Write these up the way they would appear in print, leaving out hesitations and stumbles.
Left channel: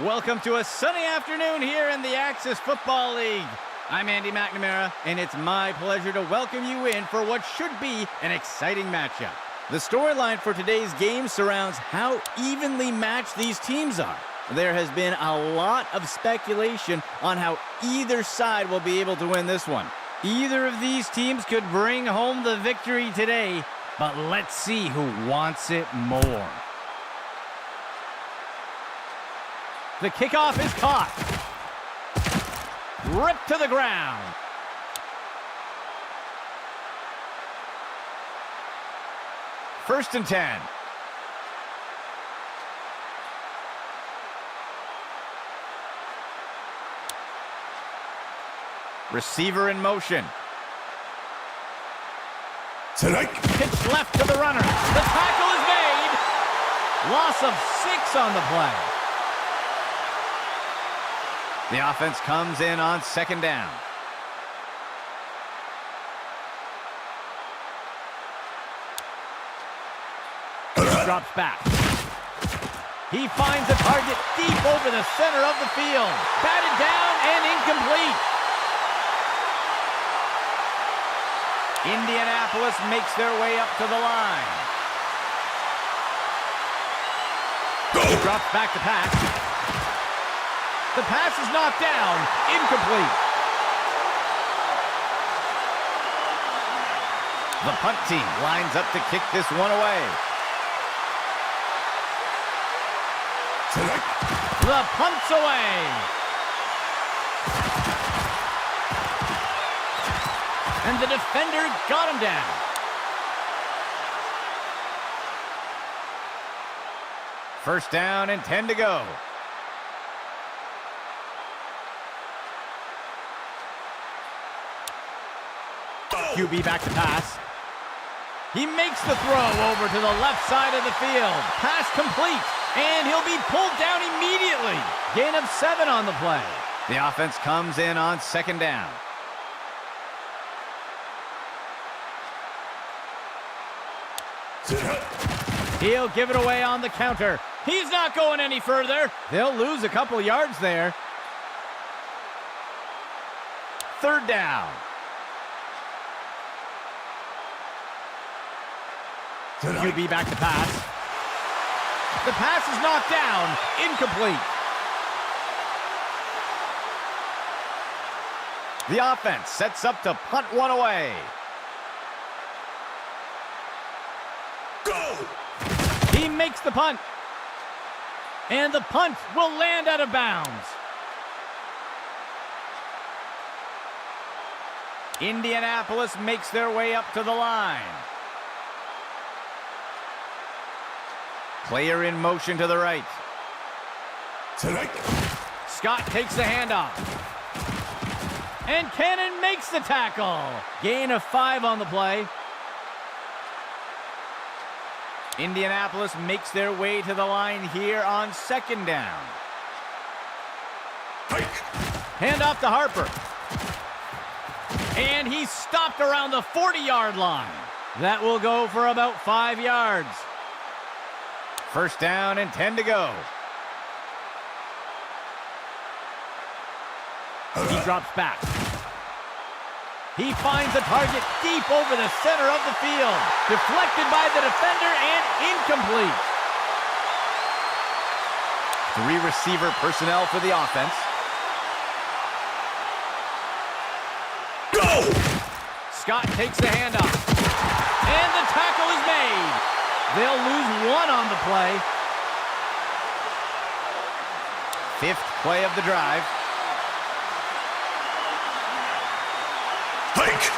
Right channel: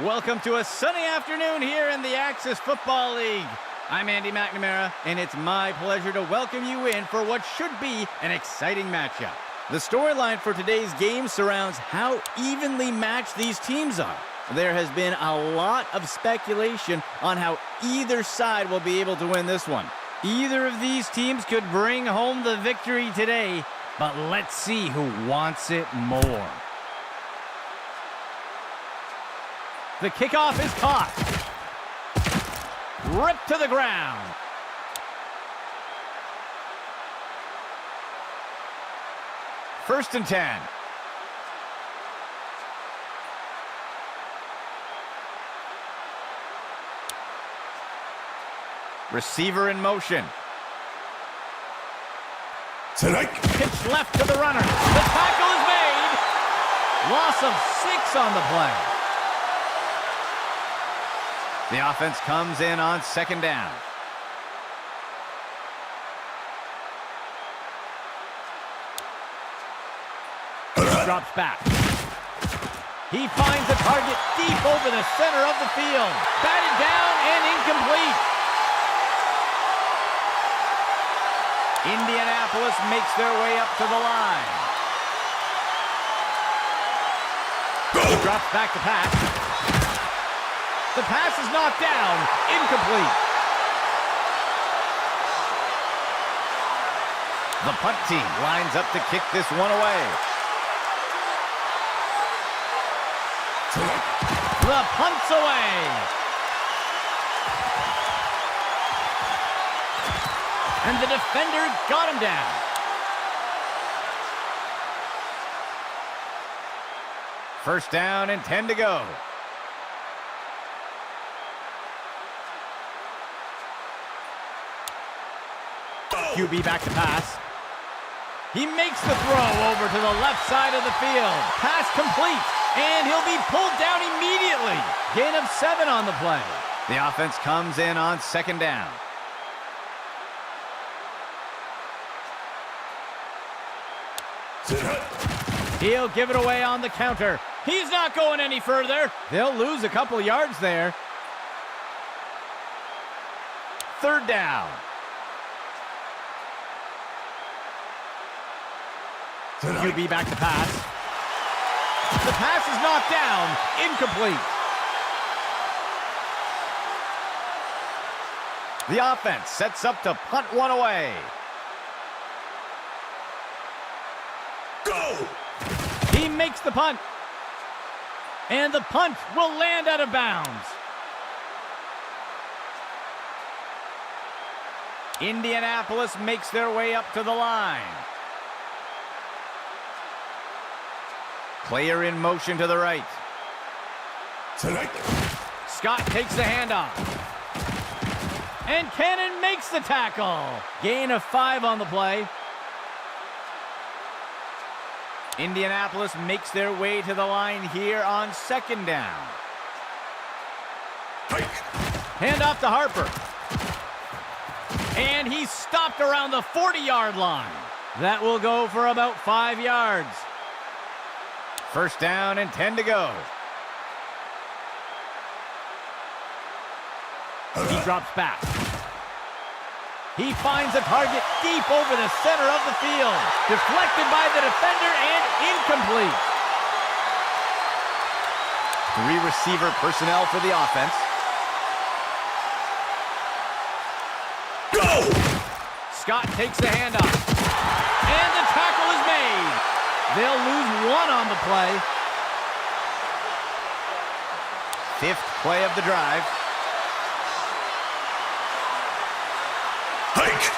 Welcome to a sunny afternoon here in the Axis Football League. I'm Andy McNamara, and it's my pleasure to welcome you in for what should be an exciting matchup. The storyline for today's game surrounds how evenly matched these teams are. There has been a lot of speculation on how either side will be able to win this one. Either of these teams could bring home the victory today, but let's see who wants it more. The kickoff is caught. Ripped to the ground. First and 10. Receiver in motion. Pitch left to the runner. The tackle is made. Loss of 6 on the play. The offense comes in on second down. Drops back. He finds a target deep over the center of the field. Batted down and incomplete. Indianapolis makes their way up to the line. He drops back to pass. The pass is knocked down, incomplete. The punt team lines up to kick this one away. The punt's away. And the defender got him down. First down and 10 to go. QB back to pass. He makes the throw over to the left side of the field. Pass complete, and he'll be pulled down immediately. Gain of 7 on the play. The offense comes in on second down. He'll give it away on the counter. He's not going any further. They'll lose a couple yards there. Third down. QB back to pass. The pass is knocked down, incomplete. The offense sets up to punt one away. Go! He makes the punt. And the punt will land out of bounds. Indianapolis makes their way up to the line. Player in motion to the right. Scott takes the handoff. And Cannon makes the tackle. Gain of 5 on the play. Indianapolis makes their way to the line here on second down. Handoff to Harper. And he's stopped around the 40-yard line. That will go for about 5 yards. First down and 10 to go. He drops back. He finds a target deep over the center of the field. Deflected by the defender and incomplete. 3 receiver personnel for the offense. Go! Scott takes the handoff. And the tackle is made. They'll lose 1 on the play. 5th play of the drive. Hike!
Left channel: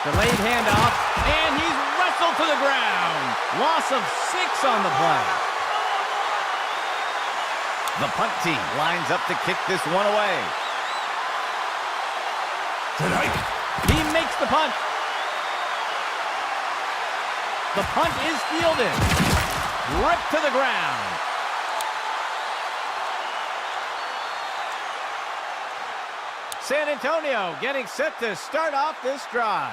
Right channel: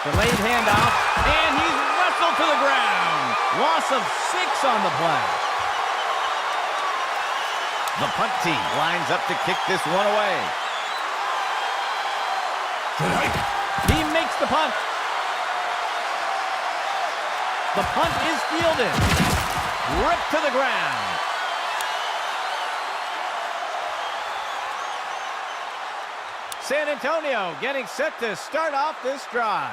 Delayed handoff, and he's wrestled to the ground. Loss of 6 on the play. The punt team lines up to kick this one away. He makes the punt. The punt is fielded. Ripped to the ground. San Antonio getting set to start off this drive.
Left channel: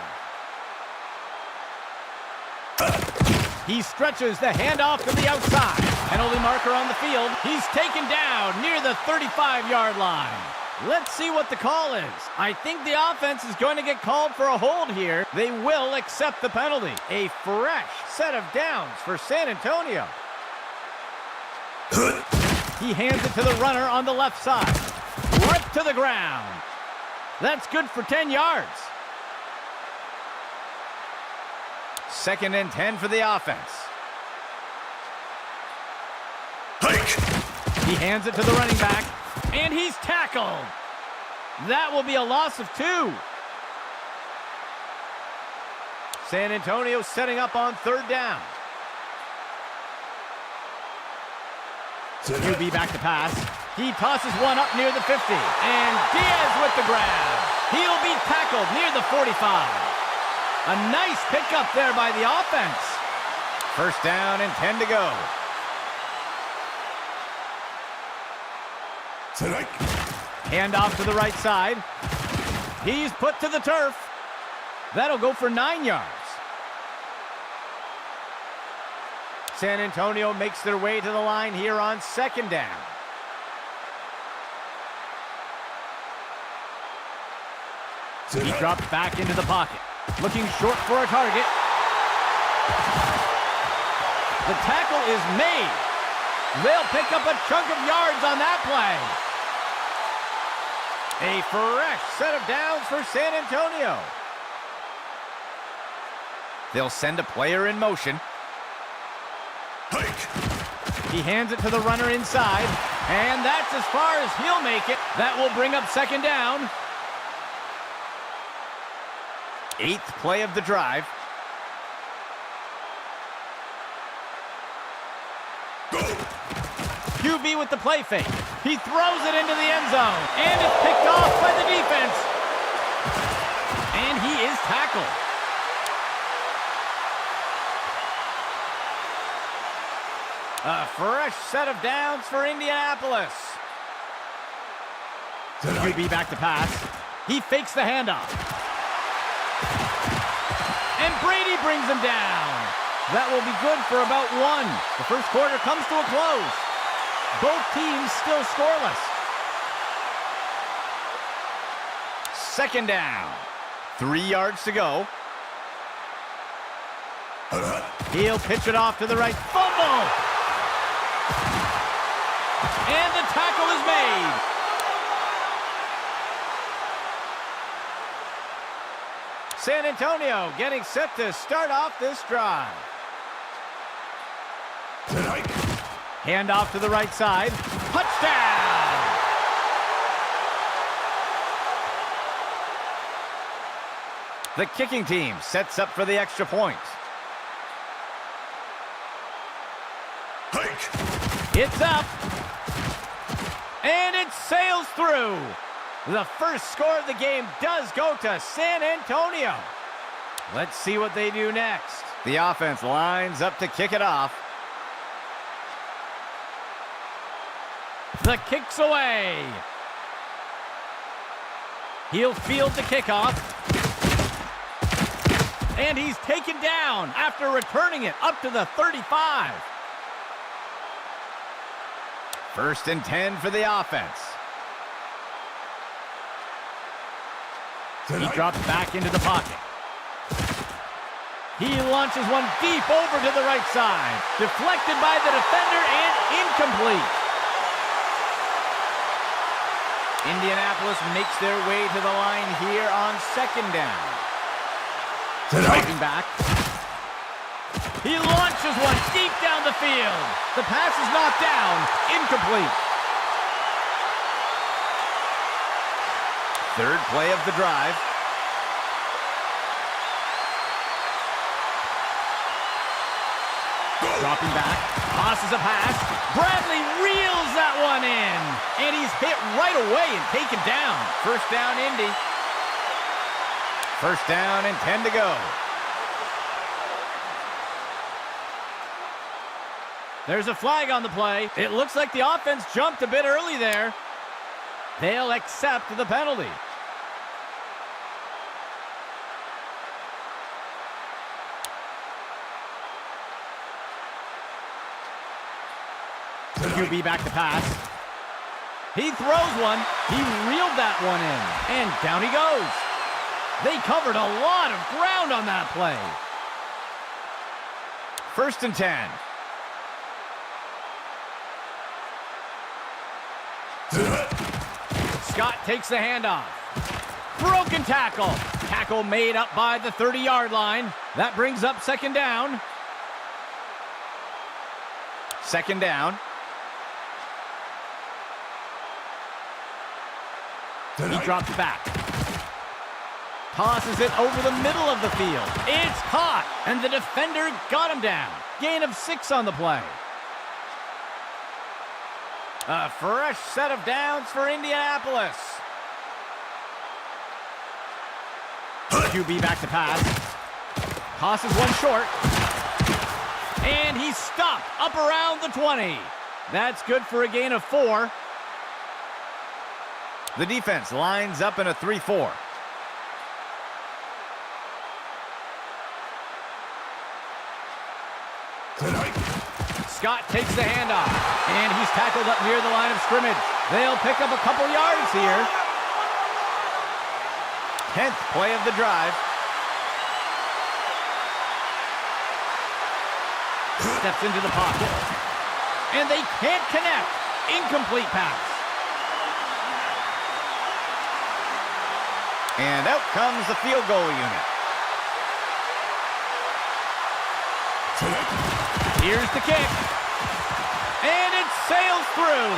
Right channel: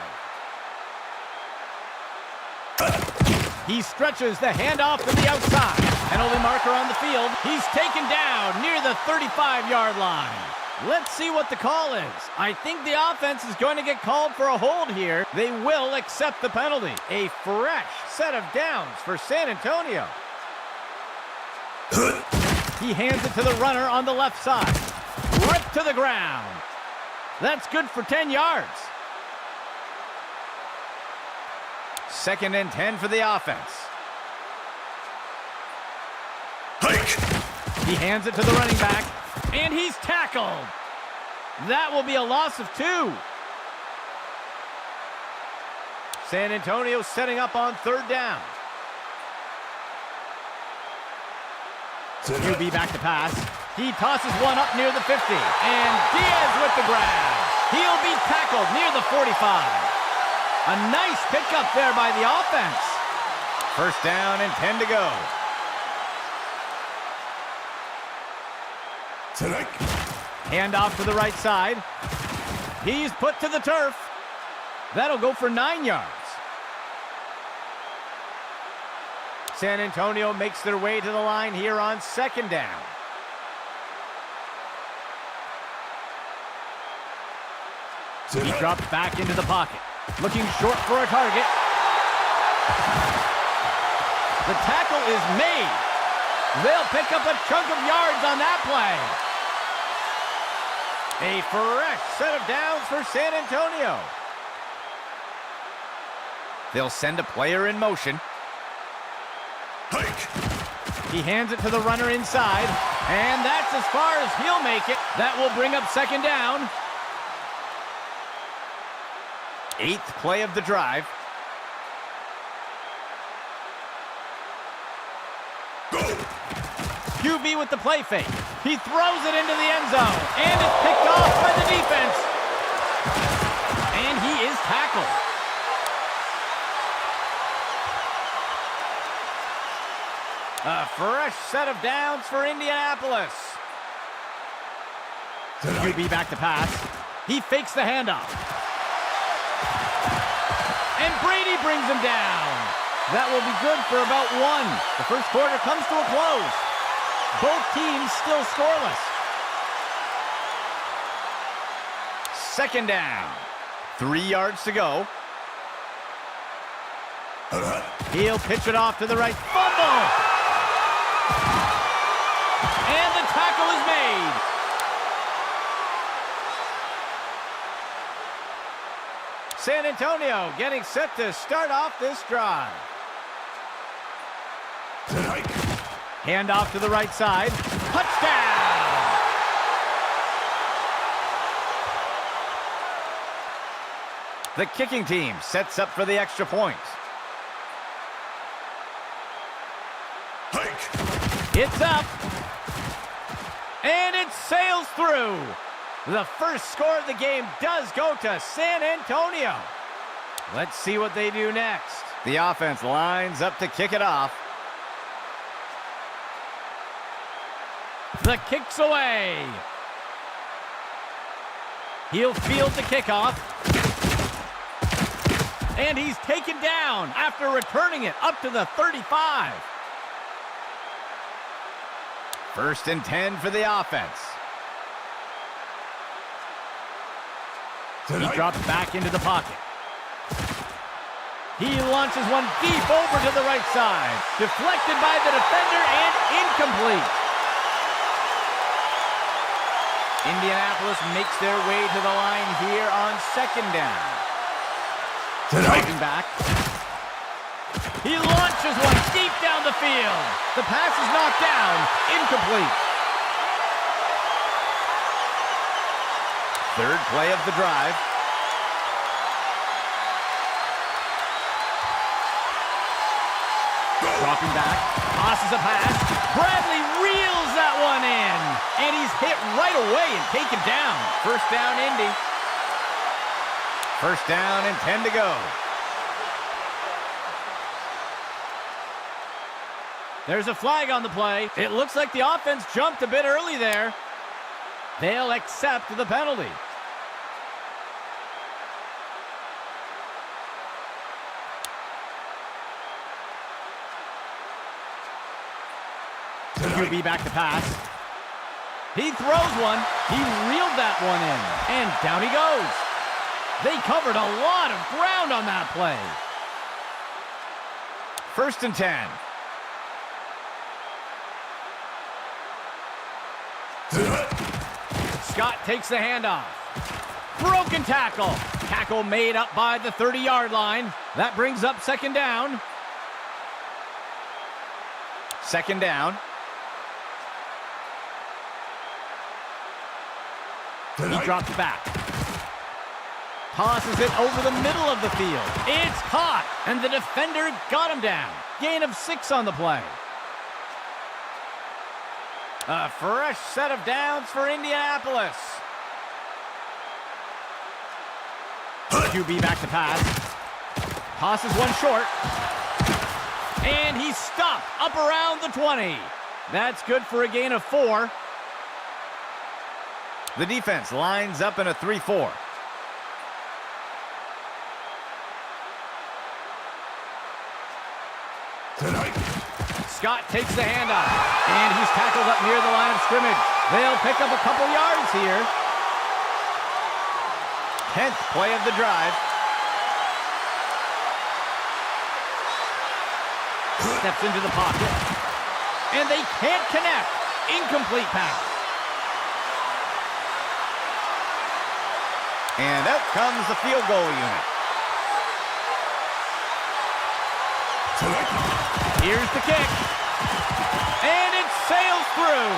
He stretches the handoff to the outside. Penalty marker on the field. He's taken down near the 35-yard line. Let's see what the call is. I think the offense is going to get called for a hold here. They will accept the penalty. A fresh set of downs for San Antonio. He hands it to the runner on the left side. Right to the ground. That's good for 10 yards. 2nd and 10 for the offense. Hike. He hands it to the running back, and he's tackled. That will be a loss of 2. San Antonio setting up on 3rd down. QB back to pass. He tosses one up near the 50, and Diaz with the grab. He'll be tackled near the 45. A nice pickup there by the offense. 1st down and 10 to go. Tonight. Handoff to the right side. He's put to the turf. That'll go for 9 yards. San Antonio makes their way to the line here on 2nd down. He drops back into the pocket, looking short for a target. The tackle is made. They'll pick up a chunk of yards on that play. A fresh set of downs for San Antonio. They'll send a player in motion. Hike. He hands it to the runner inside, and that's as far as he'll make it. That will bring up 2nd down. 8th play of the drive. Go. QB with the play fake. He throws it into the end zone, and it's picked off by the defense. And he is tackled. A fresh set of downs for Indianapolis. QB back to pass. He fakes the handoff. And Brady brings him down. That will be good for about 1. The first quarter comes to a close. Both teams still scoreless. 2nd down. 3 yards to go. He'll pitch it off to the right. Fumble! And the tackle is made. San Antonio getting set to start off this drive. Tonight. Handoff to the right side. Touchdown! The kicking team sets up for the extra point. Hike. It's up. And it sails through. The first score of the game does go to San Antonio. Let's see what they do next. The offense lines up to kick it off. The kick's away. He'll field the kickoff. And he's taken down after returning it up to the 35. 1st and 10 for the offense. He drops back into the pocket. He launches one deep over to the right side. Deflected by the defender and incomplete. Indianapolis makes their way to the line here on 2nd down. Dropping back. He launches one deep down the field. The pass is knocked down. Incomplete. 3rd play of the drive. Dropping back, tosses a pass. Bradley reels that one in. And he's hit right away and taken down. 1st down, Indy. 1st down and 10 to go. There's a flag on the play. It looks like the offense jumped a bit early there. They'll accept the penalty. QB back to pass. He throws one. He reeled that one in. And down he goes. They covered a lot of ground on that play. 1st and 10. Scott takes the handoff. Broken tackle. Tackle made up by the 30-yard line. That brings up 2nd down. 2nd down. He drops back. Tosses it over the middle of the field. It's caught, and the defender got him down. Gain of 6 on the play. A fresh set of downs for Indianapolis. QB back to pass. Tosses one short. And he's stopped up around the 20. That's good for a gain of 4. The defense lines up in a 3-4. Scott takes the handoff, and he's tackled up near the line of scrimmage. They'll pick up a couple yards here. 10th play of the drive. Steps into the pocket, and they can't connect. Incomplete pass. And out comes the field goal unit. Here's the kick. And it sails through.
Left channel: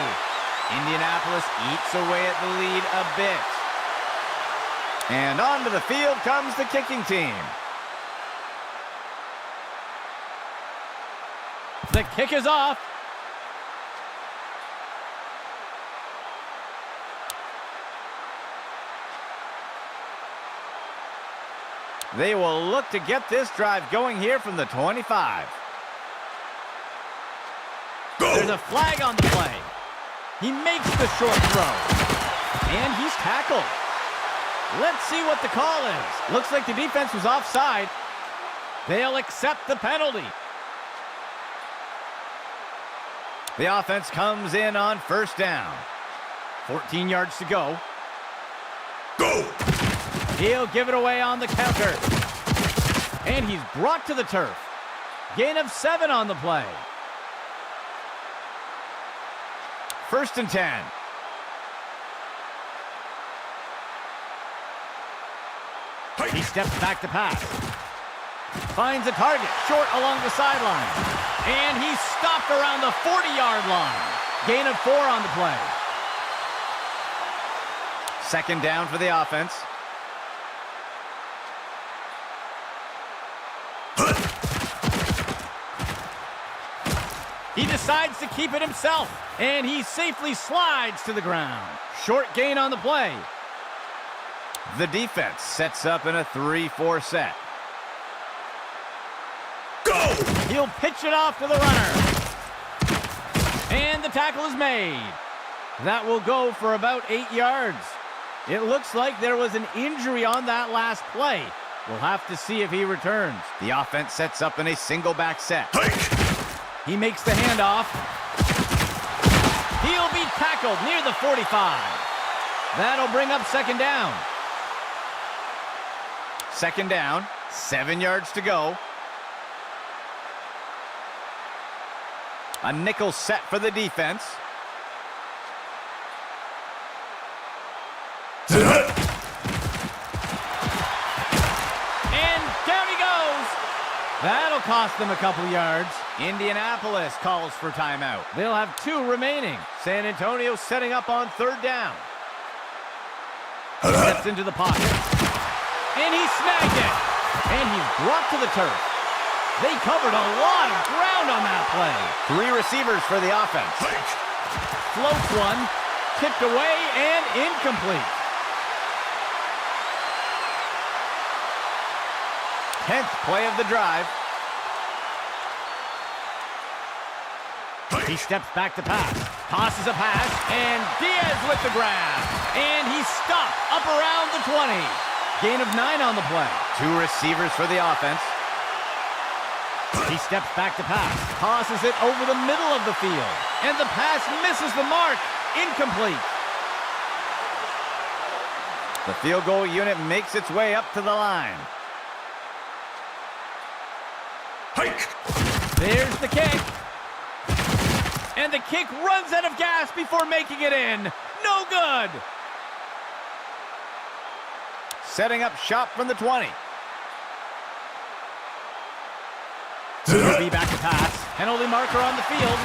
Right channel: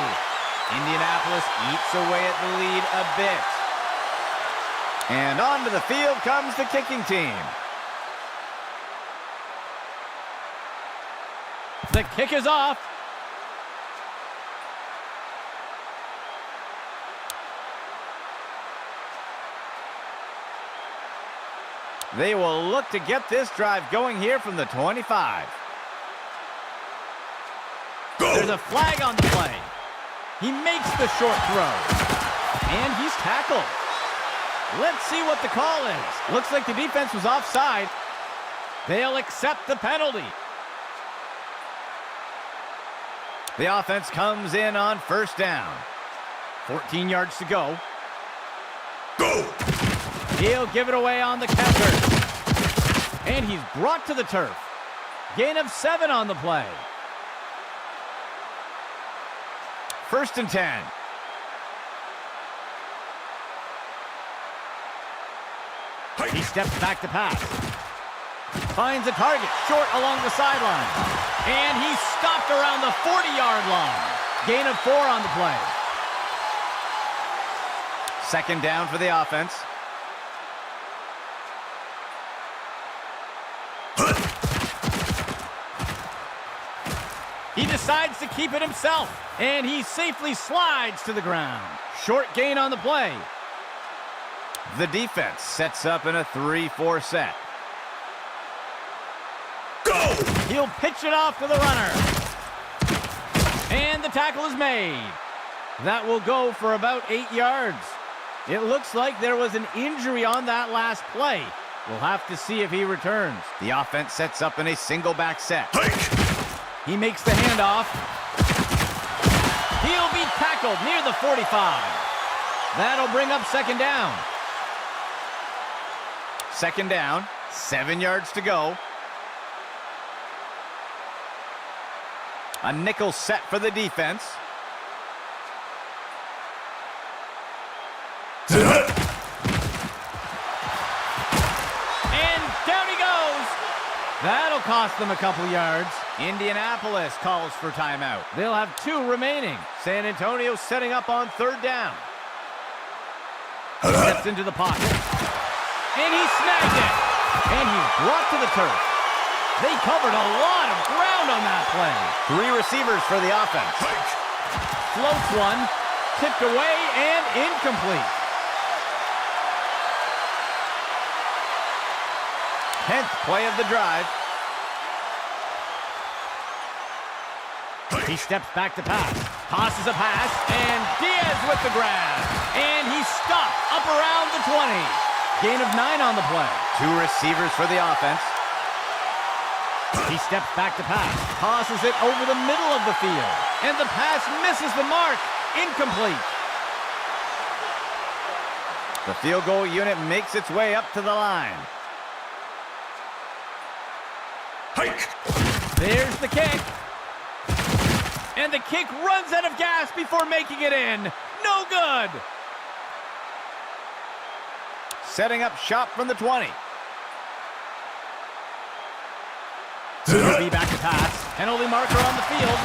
Indianapolis eats away at the lead a bit. And onto the field comes the kicking team. The kick is off. They will look to get this drive going here from the 25. Go. There's a flag on the play. He makes the short throw. And he's tackled. Let's see what the call is. Looks like the defense was offside. They'll accept the penalty. The offense comes in on 1st down. 14 yards to go. Go! He'll give it away on the counter. And he's brought to the turf. Gain of 7 on the play. 1st and 10. He steps back to pass. Finds a target short along the sideline. And he's stopped around the 40-yard line. Gain of 4 on the play. 2nd down for the offense. He decides to keep it himself, and he safely slides to the ground. Short gain on the play. The defense sets up in a 3-4 set. Go! He'll pitch it off to the runner. And the tackle is made. That will go for about 8 yards. It looks like there was an injury on that last play. We'll have to see if he returns. The offense sets up in a single back set. He makes the handoff. He'll be tackled near the 45. That'll bring up 2nd down. 2nd down, 7 yards to go. A nickel set for the defense. And down he goes. That'll cost them a couple yards. Indianapolis calls for timeout. They'll have 2 remaining. San Antonio setting up on 3rd down. Steps into the pocket. And he snagged it. And he's brought to the turf. They covered a lot of ground on that play. 3 receivers for the offense. Floats one. Tipped away and incomplete. 10th play of the drive. He steps back to pass. Tosses a pass. And Diaz with the grab. And he's stopped up around the 20. Gain of 9 on the play. 2 receivers for the offense. He steps back to pass, tosses it over the middle of the field, and the pass misses the mark. Incomplete. The field goal unit makes its way up to the line. Hike! There's the kick. And the kick runs out of gas before making it in. No good. Setting up shop from the 20. QB back to pass. Penalty marker on the field.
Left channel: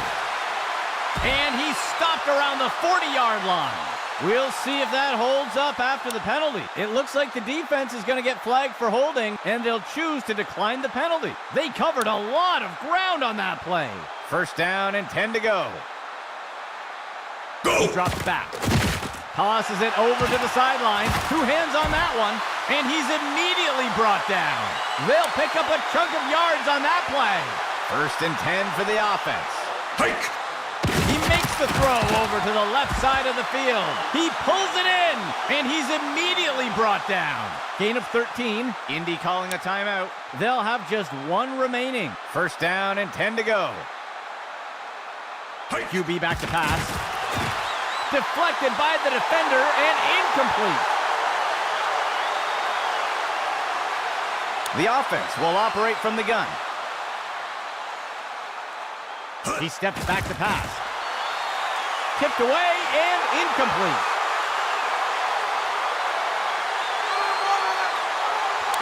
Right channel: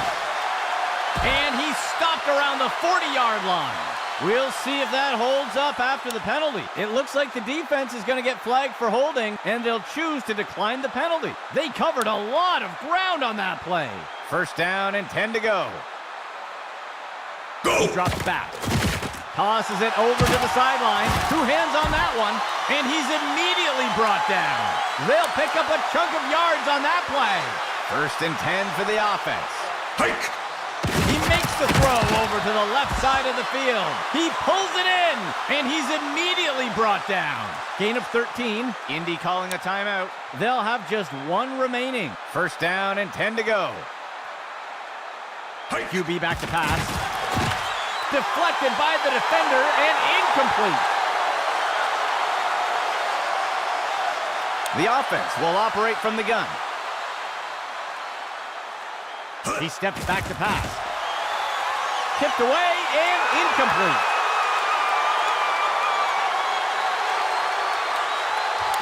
And he's stopped around the 40-yard line. We'll see if that holds up after the penalty. It looks like the defense is going to get flagged for holding, and they'll choose to decline the penalty. They covered a lot of ground on that play. First down and 10 to go. Go! He drops back. Tosses it over to the sideline. 2 hands on that one, and he's immediately brought down. They'll pick up a chunk of yards on that play. First and 10 for the offense. Hike! He makes the throw over to the left side of the field. He pulls it in, and he's immediately brought down. Gain of 13. Indy calling a timeout. They'll have just 1 remaining. First down and 10 to go. Hike! QB back to pass. Deflected by the defender and incomplete. The offense will operate from the gun. He steps back to pass. Tipped away and incomplete.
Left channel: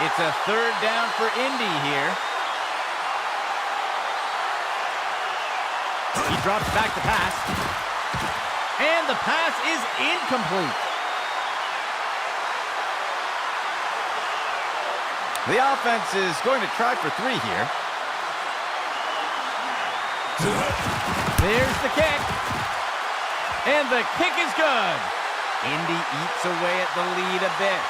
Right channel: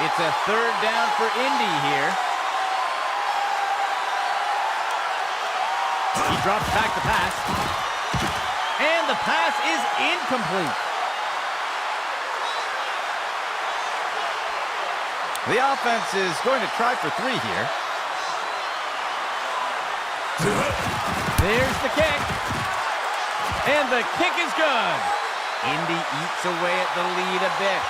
It's a 3rd down for Indy here. He drops back to pass. And the pass is incomplete. The offense is going to try for 3 here. There's the kick. And the kick is good. Indy eats away at the lead a bit.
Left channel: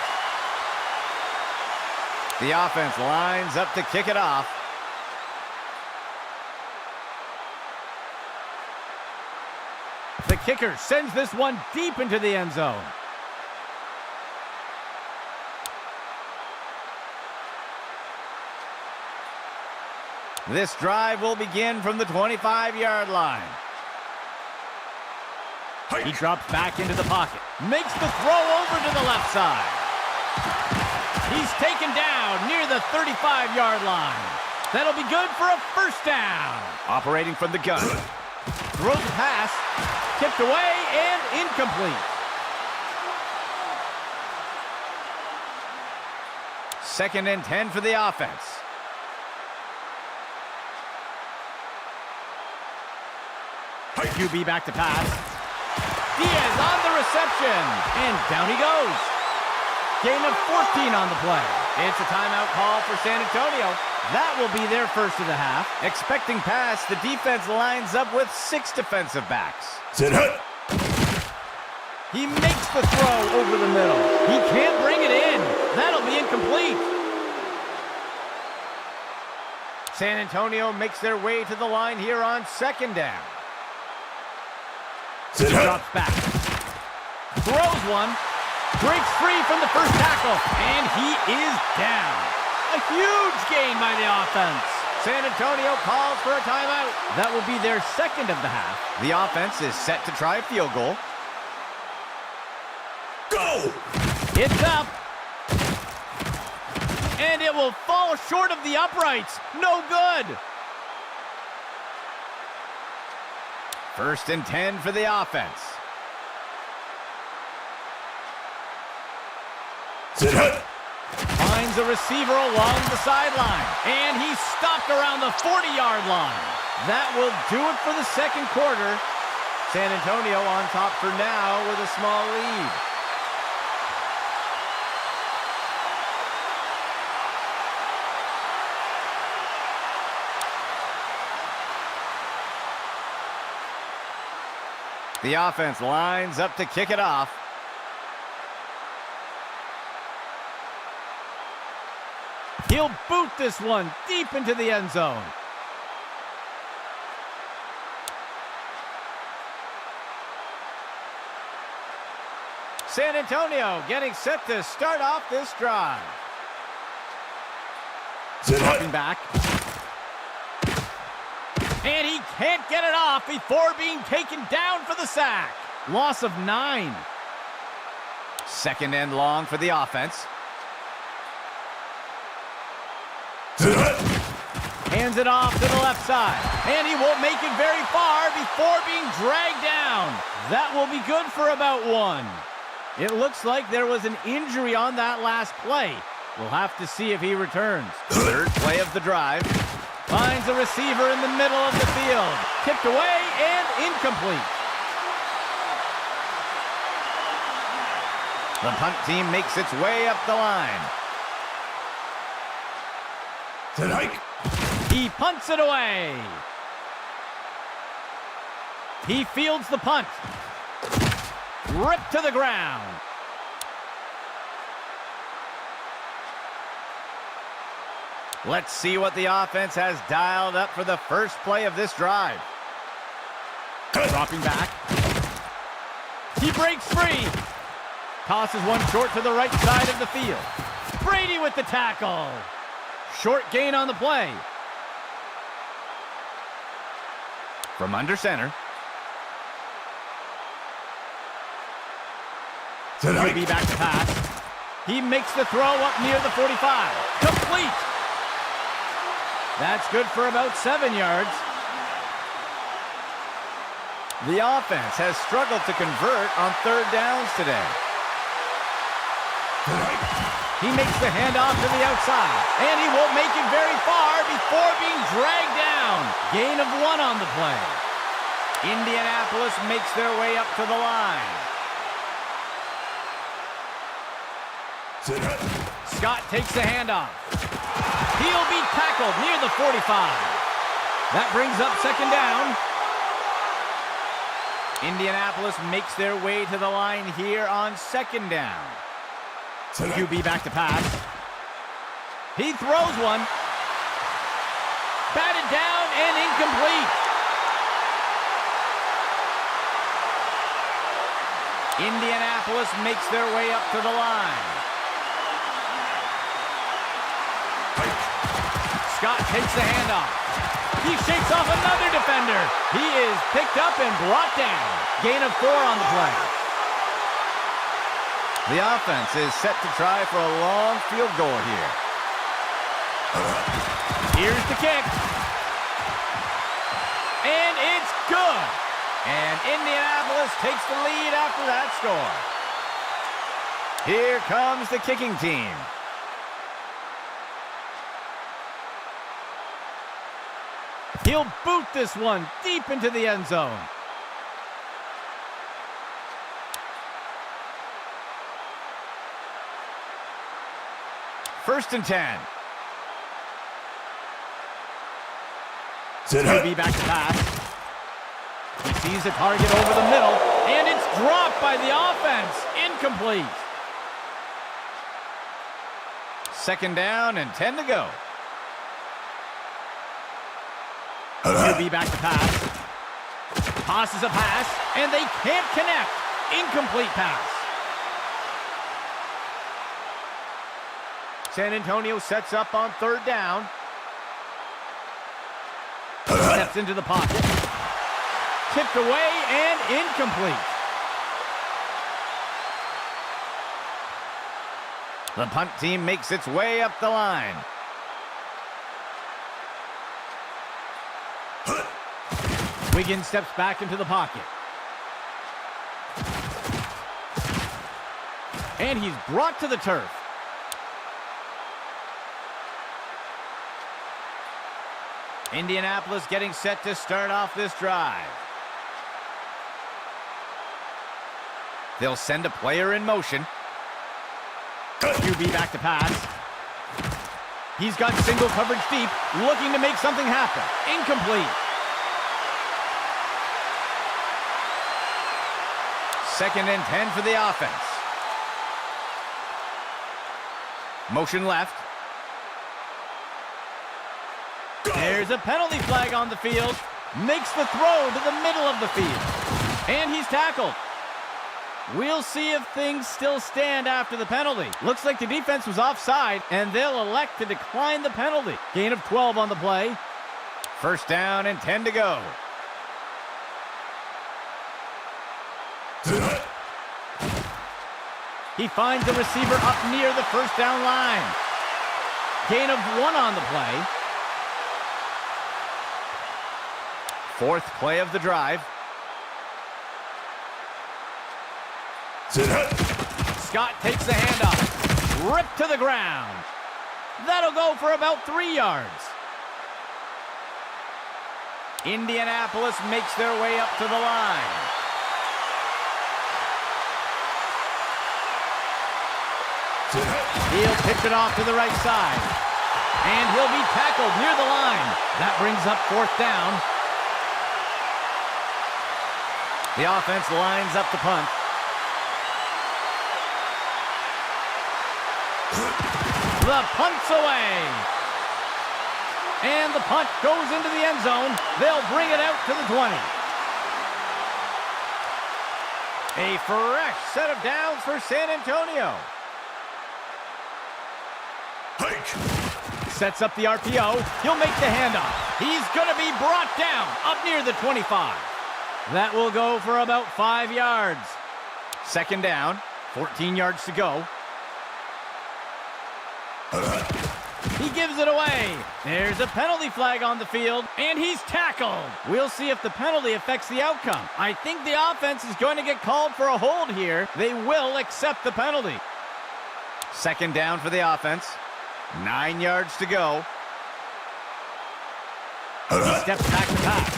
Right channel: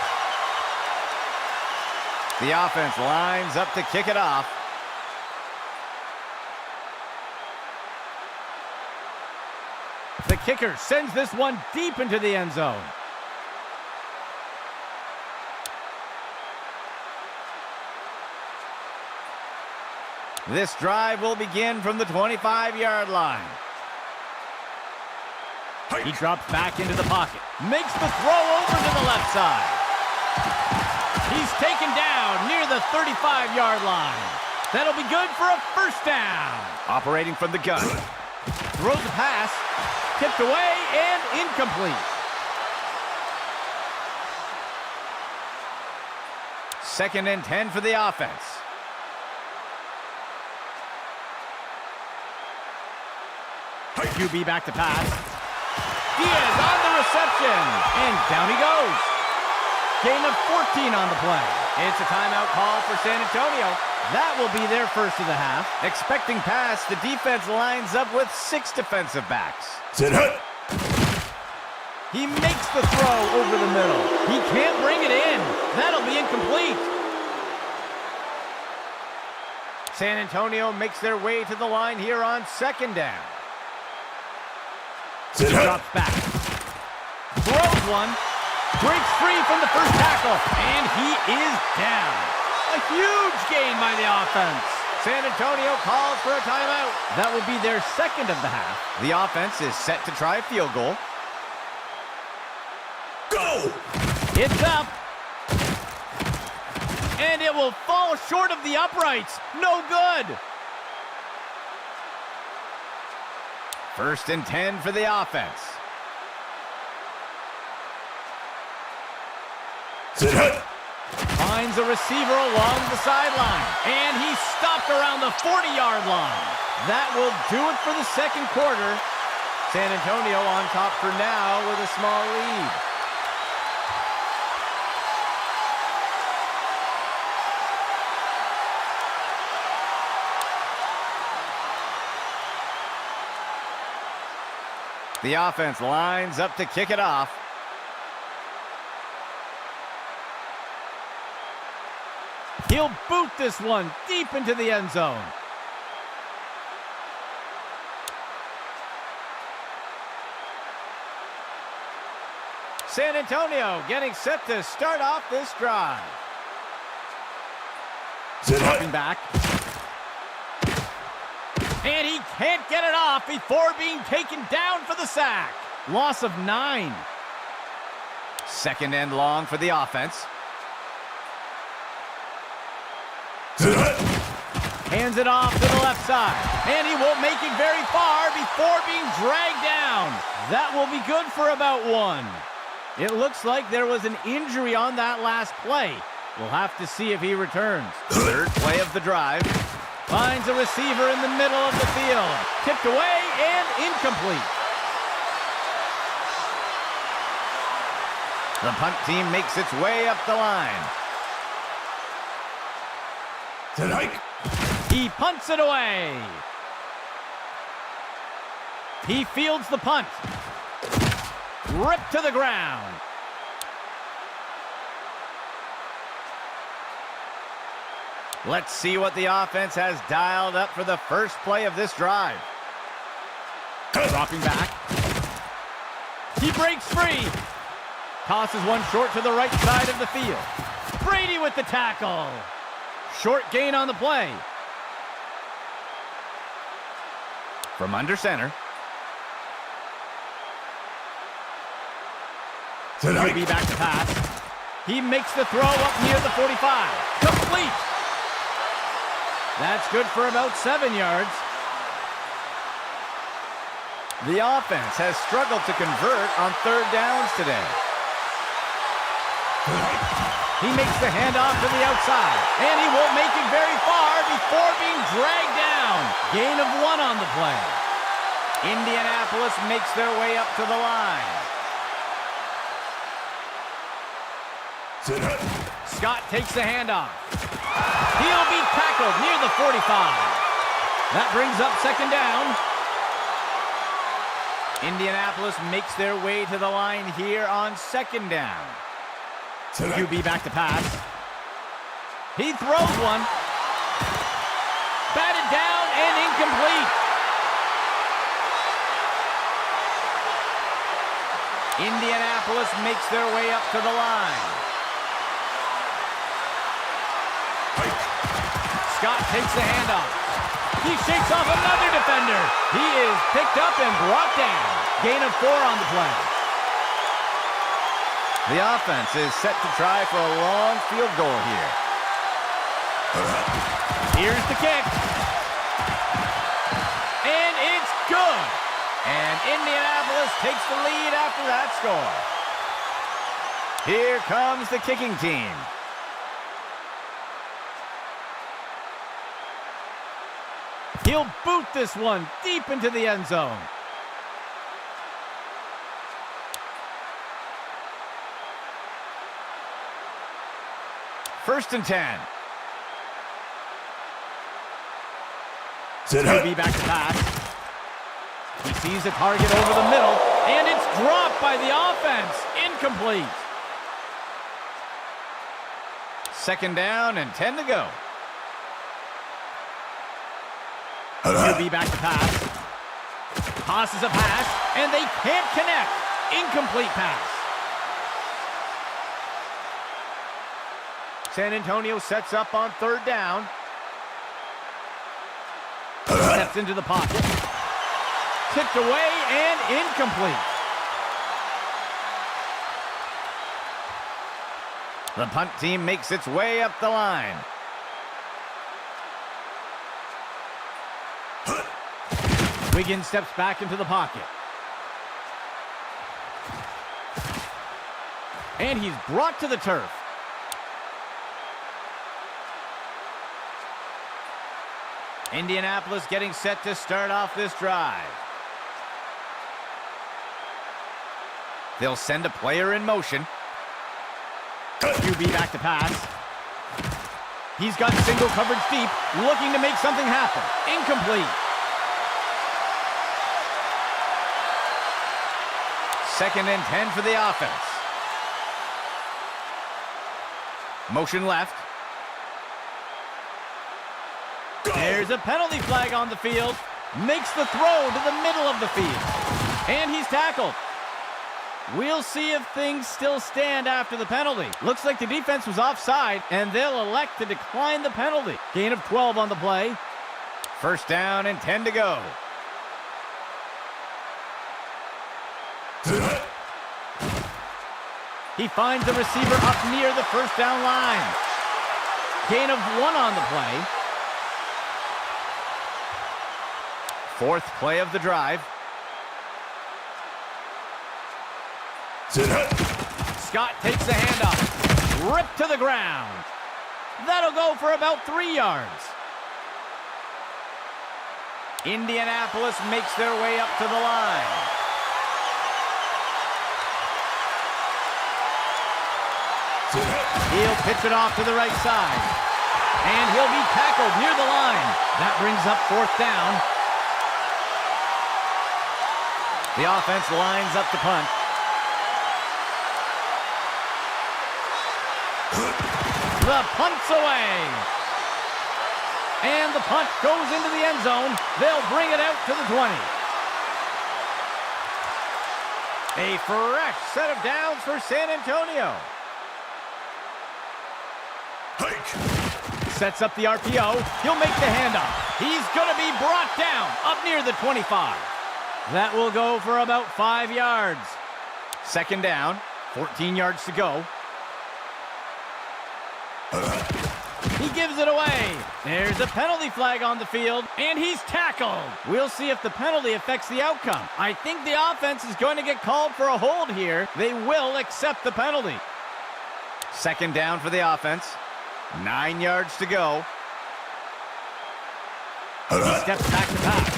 The offense lines up to kick it off. The kicker sends this one deep into the end zone. This drive will begin from the 25-yard line. He drops back into the pocket. Makes the throw over to the left side. He's taken down near the 35-yard line. That'll be good for a first down. Operating from the gun. Throws a pass. Tipped away and incomplete. Second and 10 for the offense. QB back to pass. Diaz on the reception. And down he goes. Gain of 14 on the play. It's a timeout call for San Antonio. That will be their first of the half. Expecting pass, the defense lines up with 6 defensive backs. Sit hut. He makes the throw over the middle. He can't bring it in. That'll be incomplete. San Antonio makes their way to the line here on 2nd down. Sit He hut. drops back. Throws one. Breaks free from the first tackle. And he is down. A huge gain by the offense. San Antonio calls for a timeout. That will be their 2nd of the half. The offense is set to try a field goal. Go! It's up. And it will fall short of the uprights. No good. First and 10 for the offense. Sit hut. Finds a receiver along the sideline. And he's stopped around the 40-yard line. That will do it for the 2nd quarter. San Antonio on top for now with a small lead. The offense lines up to kick it off. He'll boot this one deep into the end zone. San Antonio getting set to start off this drive. Sit Dropping hut. back. And he can't get it off before being taken down for the sack. Loss of 9. Second and long for the offense. Hands it off to the left side. And he won't make it very far before being dragged down. That will be good for about 1. It looks like there was an injury on that last play. We'll have to see if he returns. Third play of the drive. Finds a receiver in the middle of the field. Tipped away and incomplete. The punt team makes its way up the line. Hike. He punts it away. He fields the punt. Ripped to the ground. Let's see what the offense has dialed up for the first play of this drive. Dropping back. He breaks free. Tosses one short to the right side of the field. Brady with the tackle. Short gain on the play. From under center. QB back to pass. He makes the throw up near the 45. Complete. That's good for about 7 yards. The offense has struggled to convert on third downs today. He makes the handoff to the outside, and he won't make it very far before being dragged down. Gain of 1 on the play. Indianapolis makes their way up to the line. Scott takes the handoff. He'll be tackled near the 45. That brings up second down. Indianapolis makes their way to the line here on second down. QB back to pass. He throws one. Batted down and incomplete. Indianapolis makes their way up to the line. Scott takes the handoff. He shakes off another defender. He is picked up and brought down. Gain of 4 on the play. The offense is set to try for a long field goal here. Here's the kick. And it's good. And Indianapolis takes the lead after that score. Here comes the kicking team. He'll boot this one deep into the end zone. First and 10. QB back to pass. He sees the target over the middle, and it's dropped by the offense. Incomplete. Second down and 10 to go. QB back to pass. Tosses a pass, and they can't connect. Incomplete pass. San Antonio sets up on third down. Steps into the pocket. Tipped away and incomplete. The punt team makes its way up the line. Wiggins steps back into the pocket. And he's brought to the turf. Indianapolis getting set to start off this drive. They'll send a player in motion. QB back to pass. He's got single coverage deep, looking to make something happen. Incomplete. Second and 10 for the offense. Motion left. There's a penalty flag on the field. Makes the throw to the middle of the field. And he's tackled. We'll see if things still stand after the penalty. Looks like the defense was offside, and they'll elect to decline the penalty. Gain of 12 on the play. First down and 10 to go. He finds the receiver up near the first down line. Gain of 1 on the play. Fourth play of the drive. Scott takes the handoff. Ripped to the ground. That'll go for about 3 yards. Indianapolis makes their way up to the line. He'll pitch it off to the right side. And he'll be tackled near the line. That brings up fourth down. The offense lines up to punt. The punt's away. And the punt goes into the end zone. They'll bring it out to the 20. A fresh set of downs for San Antonio. Hike. Sets up the RPO. He'll make the handoff. He's going to be brought down up near the 25. That will go for about 5 yards. Second down, 14 yards to go. He gives it away. There's a penalty flag on the field, and he's tackled. We'll see if the penalty affects the outcome. I think the offense is going to get called for a hold here. They will accept the penalty. Second down for the offense. 9 yards to go. He steps back to pass.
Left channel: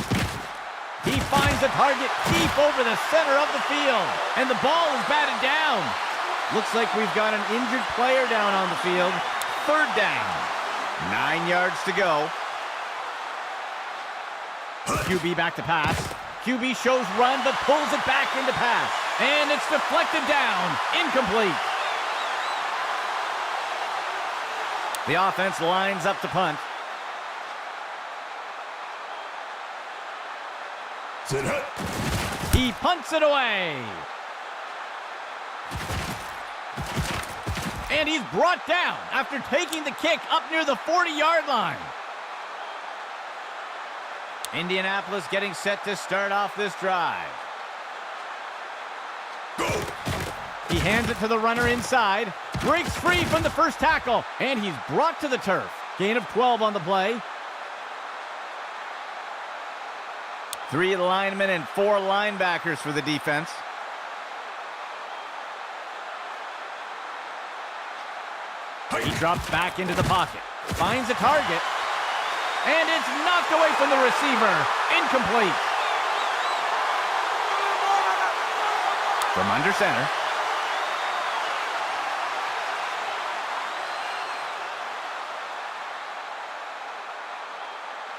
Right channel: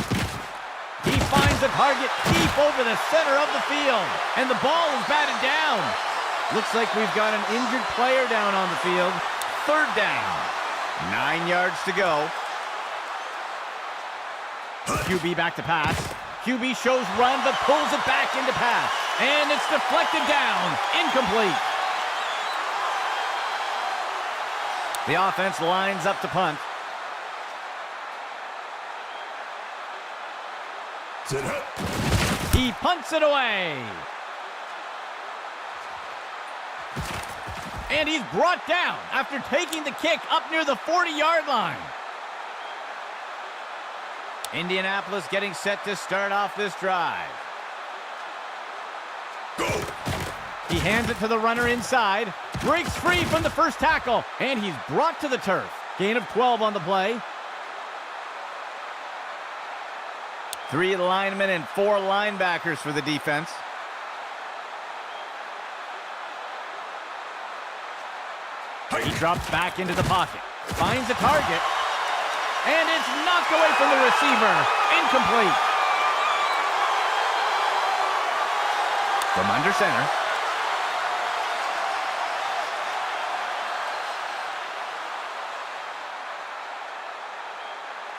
He finds a target deep over the center of the field, and the ball is batted down. Looks like we've got an injured player down on the field. Third down. 9 yards to go. QB back to pass. QB shows run, but pulls it back into pass. And it's deflected down. Incomplete. The offense lines up to punt. He punts it away. And he's brought down after taking the kick up near the 40-yard line. Indianapolis getting set to start off this drive. Go. He hands it to the runner inside. Breaks free from the first tackle. And he's brought to the turf. Gain of 12 on the play. 3 linemen and 4 linebackers for the defense. He drops back into the pocket. Finds a target. And it's knocked away from the receiver. Incomplete. From under center.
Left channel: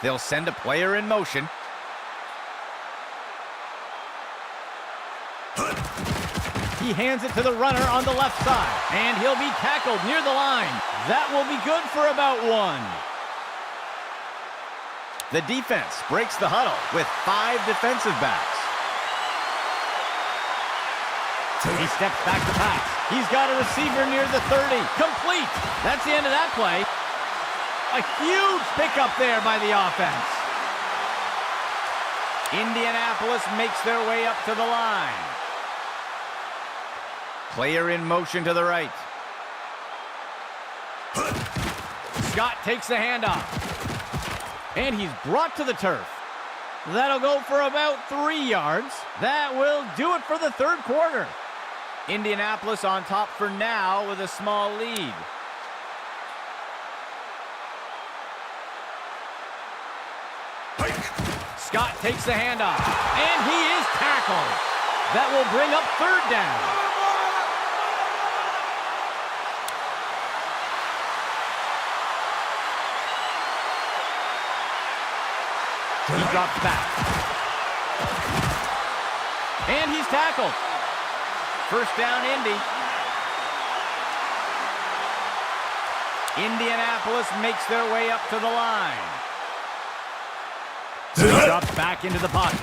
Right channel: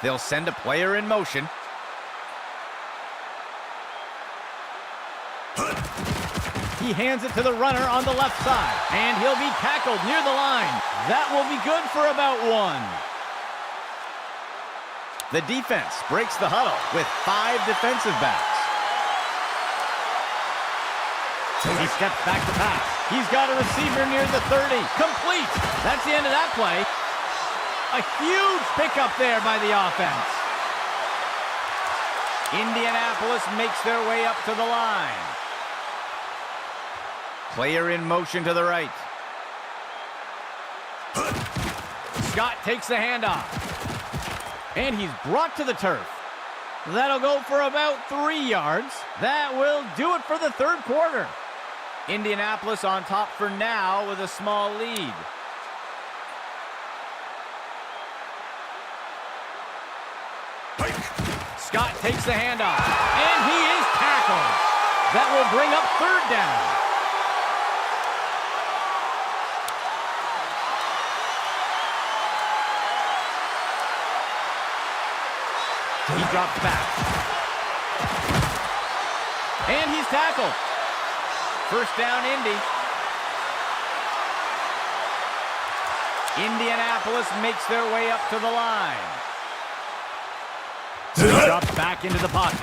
They'll send a player in motion. He hands it to the runner on the left side, and he'll be tackled near the line. That will be good for about 1. The defense breaks the huddle with 5 defensive backs. He steps back to pass. He's got a receiver near the 30. Complete. That's the end of that play. A huge pickup there by the offense. Indianapolis makes their way up to the line. Player in motion to the right. Scott takes the handoff. And he's brought to the turf. That'll go for about 3 yards. That will do it for the third quarter. Indianapolis on top for now with a small lead. Scott takes the handoff. And he is tackled. That will bring up third down. He drops back. And he's tackled. First down, Indy. Indianapolis makes their way up to the line. He drops back into the pocket.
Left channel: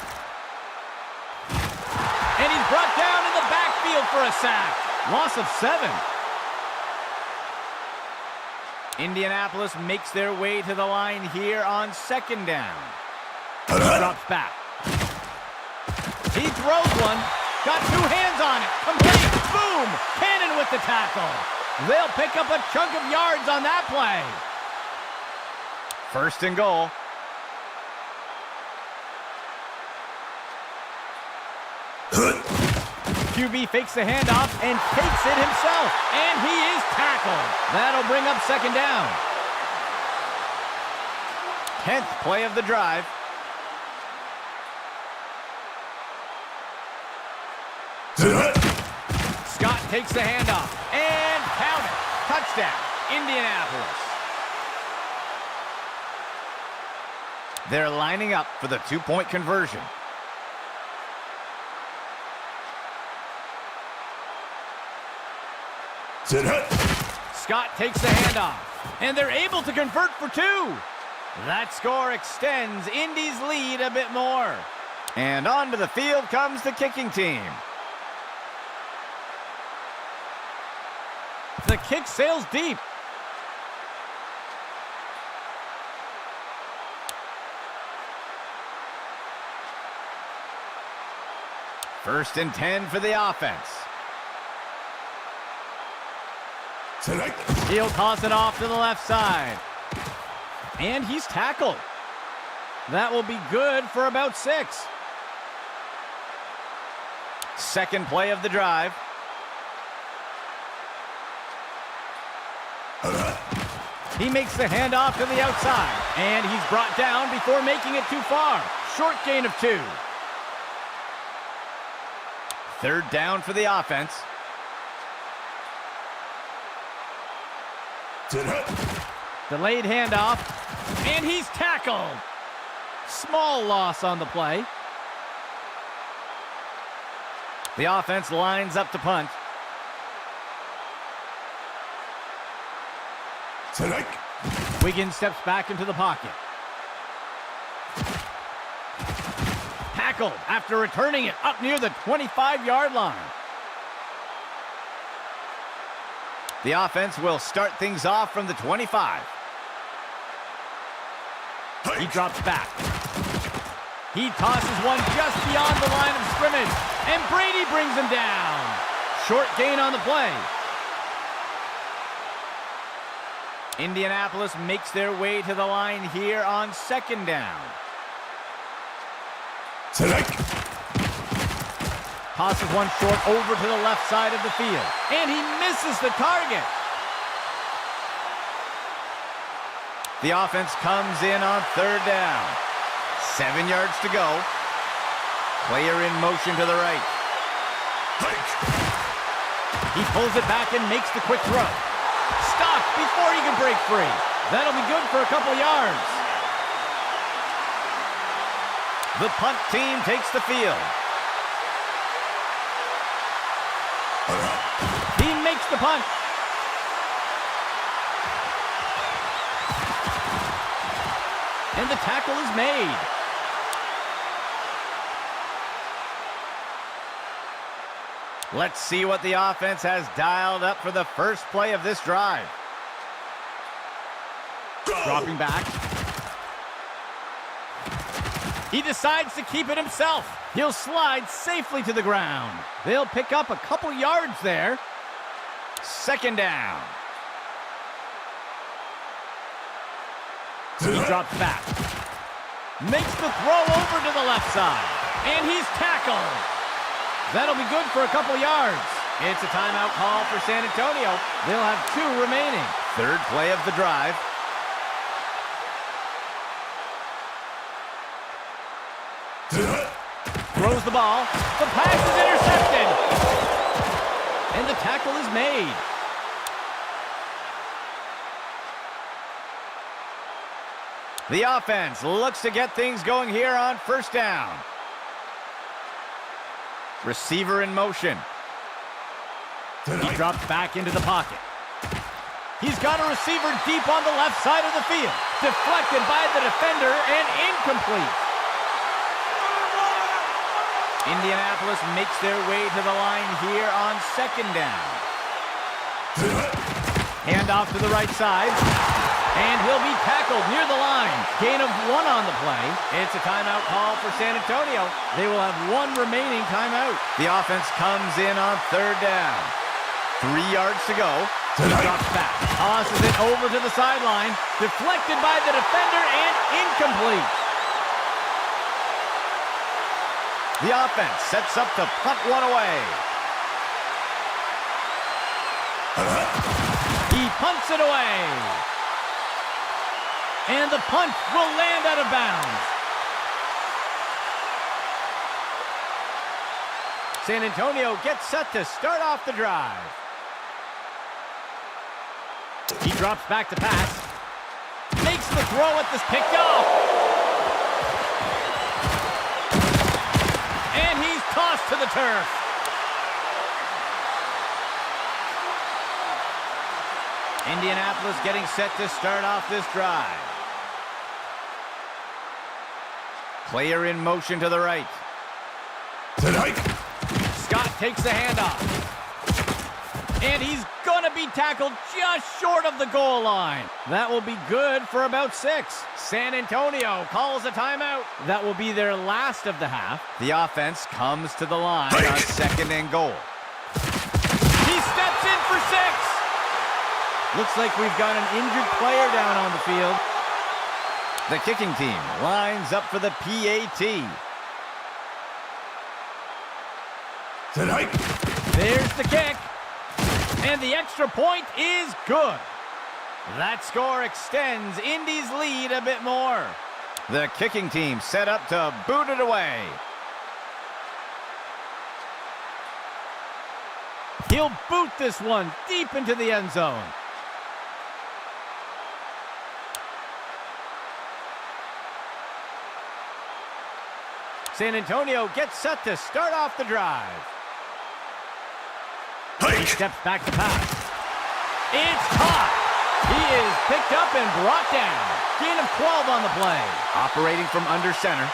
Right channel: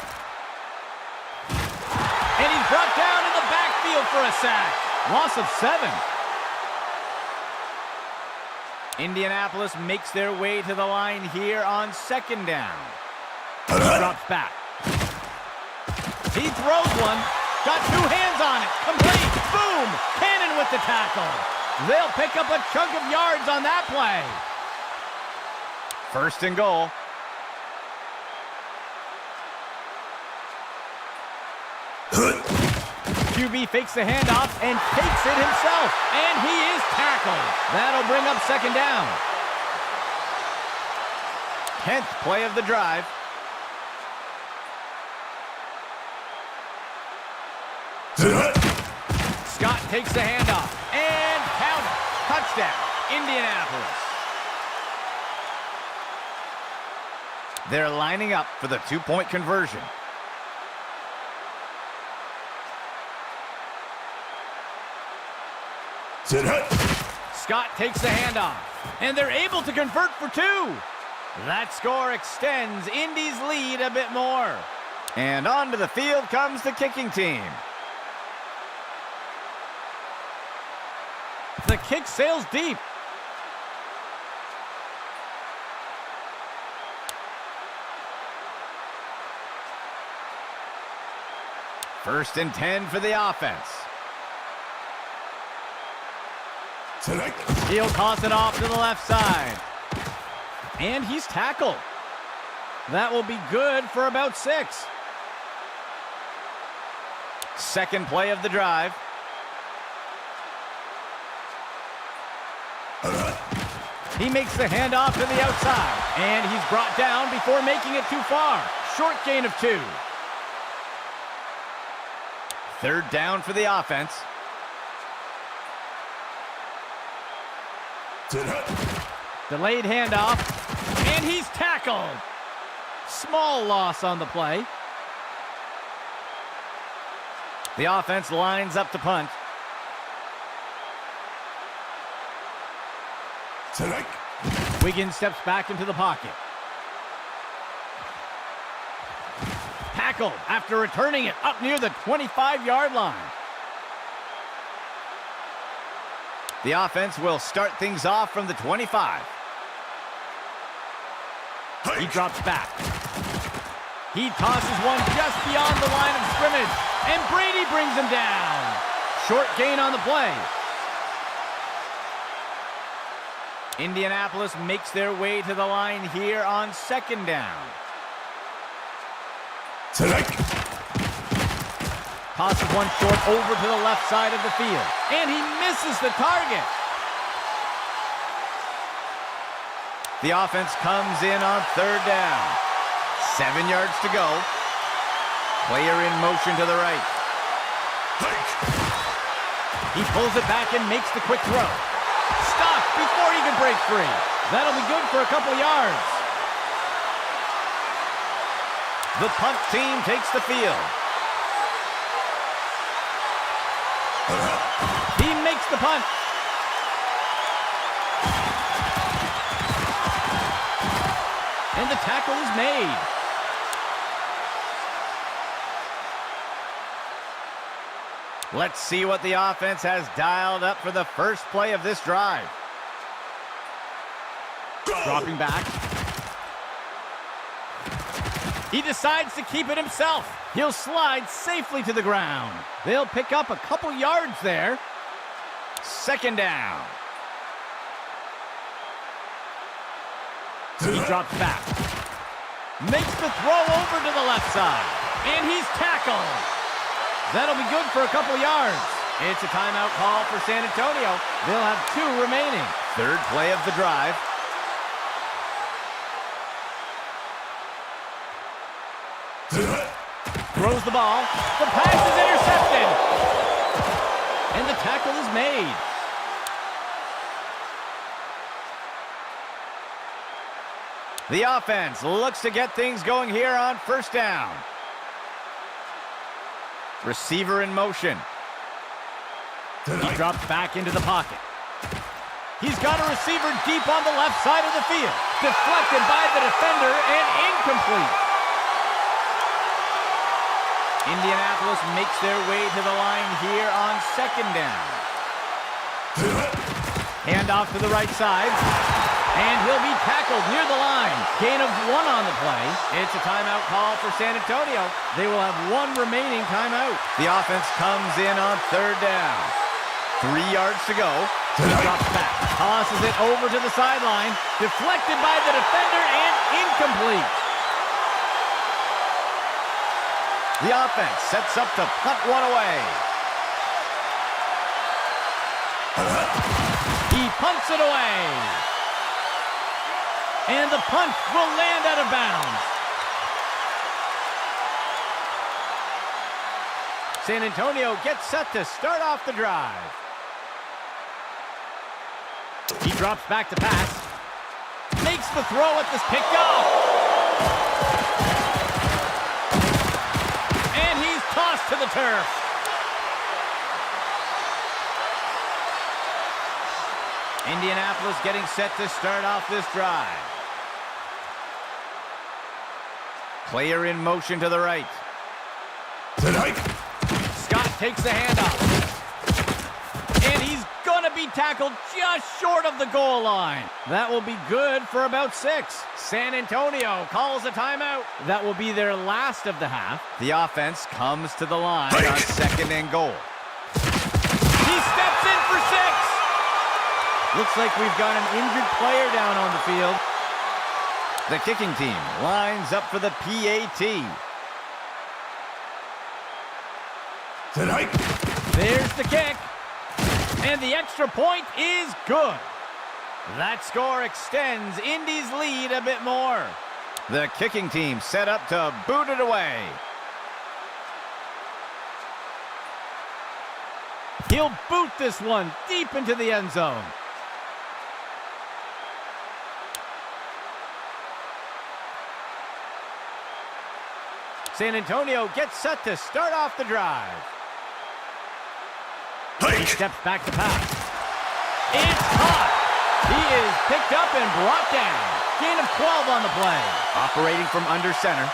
And he's brought down in the backfield for a sack. Loss of 7. Indianapolis makes their way to the line here on second down. He drops back. He throws one. Got two hands on it. Complete. Boom. Cannon with the tackle. They'll pick up a chunk of yards on that play. First and goal. QB fakes the handoff and takes it himself. And he is tackled. That'll bring up second down. 10th play of the drive. Scott takes the handoff and count it. Touchdown, Indianapolis. They're lining up for the two-point conversion. Scott takes the handoff, and they're able to convert for two. That score extends Indy's lead a bit more. And onto the field comes the kicking team. The kick sails deep. First and 10 for the offense. He'll toss it off to the left side. And he's tackled. That will be good for about 6. Second play of the drive. He makes the handoff to the outside. And he's brought down before making it too far. Short gain of 2. Third down for the offense. Delayed handoff, and he's tackled. Small loss on the play. The offense lines up to punt. Wiggins steps back into the pocket. Tackled after returning it up near the 25-yard line. The offense will start things off from the 25. He drops back. He tosses one just beyond the line of scrimmage, and Brady brings him down. Short gain on the play. Indianapolis makes their way to the line here on second down. Tosses one short over to the left side of the field. And he misses the target. The offense comes in on third down. 7 yards to go. Player in motion to the right. He pulls it back and makes the quick throw. Stopped before he can break free. That'll be good for a couple yards. The punt team takes the field. He makes the punt. And the tackle is made. Let's see what the offense has dialed up for the first play of this drive. Dropping back. He decides to keep it himself. He'll slide safely to the ground. They'll pick up a couple yards there. Second down. He drops back. Makes the throw over to the left side. And he's tackled. That'll be good for a couple yards. It's a timeout call for San Antonio. They'll have 2 remaining. Third play of the drive. Throws the ball. The pass is intercepted. And the tackle is made. The offense looks to get things going here on first down. Receiver in motion. He drops back into the pocket. He's got a receiver deep on the left side of the field. Deflected by the defender and incomplete. Indianapolis makes their way to the line here on second down. Hand off to the right side. And he'll be tackled near the line. Gain of 1 on the play. It's a timeout call for San Antonio. They will have 1 remaining timeout. The offense comes in on 3rd down. 3 yards to go. He drops back. Tosses it over to the sideline. Deflected by the defender and incomplete. The offense sets up to punt 1 away. He punts it away. And the punt will land out of bounds. San Antonio gets set to start off the drive. He drops back to pass. Makes the throw at this picked off. And he's tossed to the turf. Indianapolis getting set to start off this drive. Player in motion to the right. Scott takes the handoff. And he's going to be tackled just short of the goal line. That will be good for about 6. San Antonio calls a timeout. That will be their last of the half. The offense comes to the line on 2nd and goal. He steps in for 6. Looks like we've got an injured player down on the field. The kicking team lines up for the PAT. There's the kick. And the extra point is good. That score extends Indy's lead a bit more. The kicking team set up to boot it away. He'll boot this one deep into the end zone. San Antonio gets set to start off the drive. He steps back to pass. It's caught. He is picked up and brought down. Gain of 12 on the play. Operating from under center.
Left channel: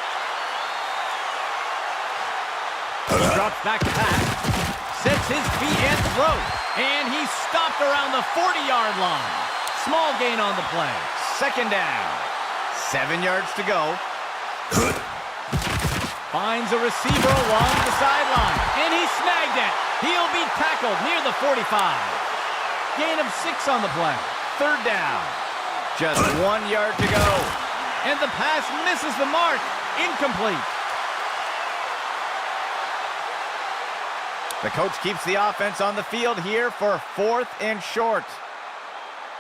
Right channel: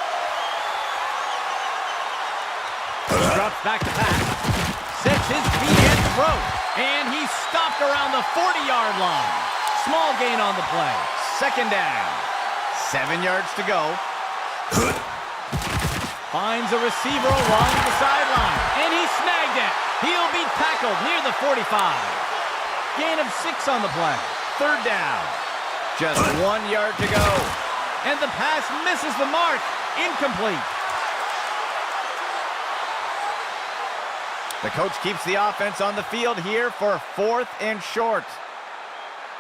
He drops back to pass. Sets his feet and throws. And he's stopped around the 40-yard line. Small gain on the play. 2nd down. 7 yards to go. Finds a receiver along the sideline. And he snagged it. He'll be tackled near the 45. Gain of 6 on the play. 3rd down. Just 1 yard to go. And the pass misses the mark. Incomplete. The coach keeps the offense on the field here for 4th and short.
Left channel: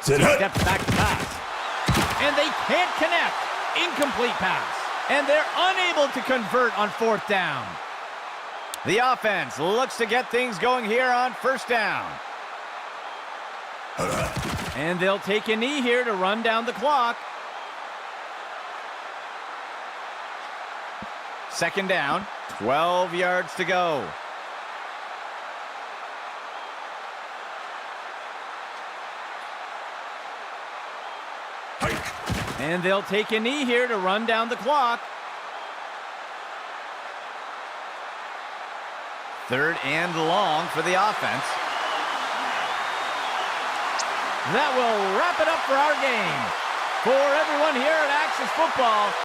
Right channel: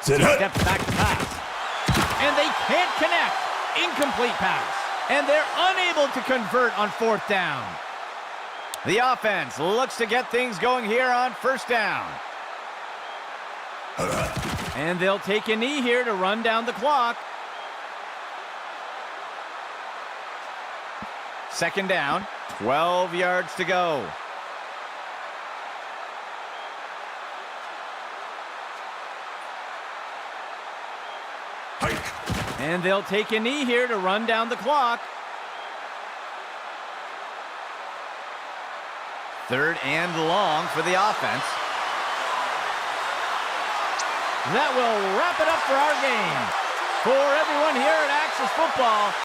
He steps back to pass. And they can't connect. Incomplete pass. And they're unable to convert on 4th down. The offense looks to get things going here on 1st down. And they'll take a knee here to run down the clock. 2nd down, 12 yards to go. And they'll take a knee here to run down the clock. 3rd and long for the offense. That will wrap it up for our game. For everyone here at Axis Football,